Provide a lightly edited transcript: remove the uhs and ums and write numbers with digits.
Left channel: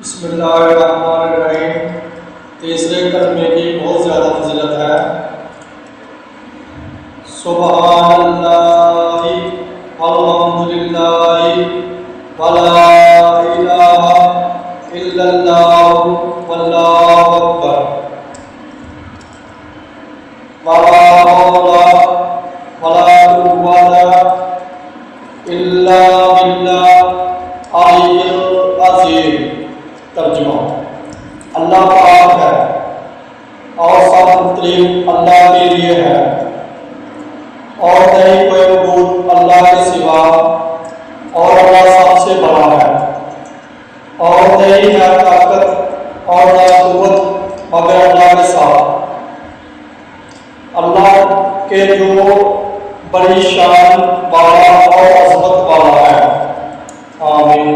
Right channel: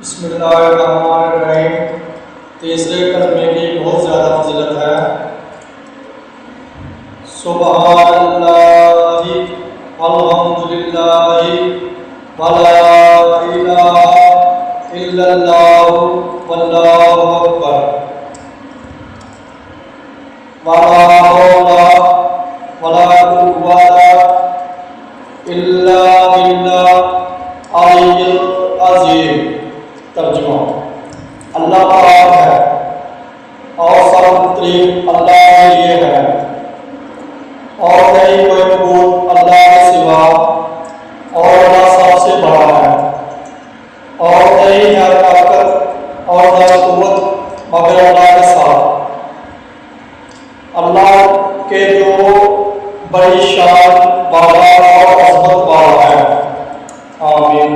بسم اللہ الرحمن الرحیم۔ تیسرے کلمے کی بہت زیادہ فضیلت ہے۔ سبحان اللہ والحمد للہ ولا الہ الا اللہ واللہ اکبر ولا حول ولا قوۃ الا باللہ العلی العظیم۔ ترجمہ: اللہ پاک ہے اور سب تعریف اللہ کے لیے ہے، اور نہیں کوئی معبود اللہ کے سوا، اور اللہ سب سے بڑا ہے، اور نہیں ہے طاقت اور نہ قوت مگر اللہ کے ساتھ، اللہ کے جو بڑی شان والا اور عظمت والا ہے۔ آمین۔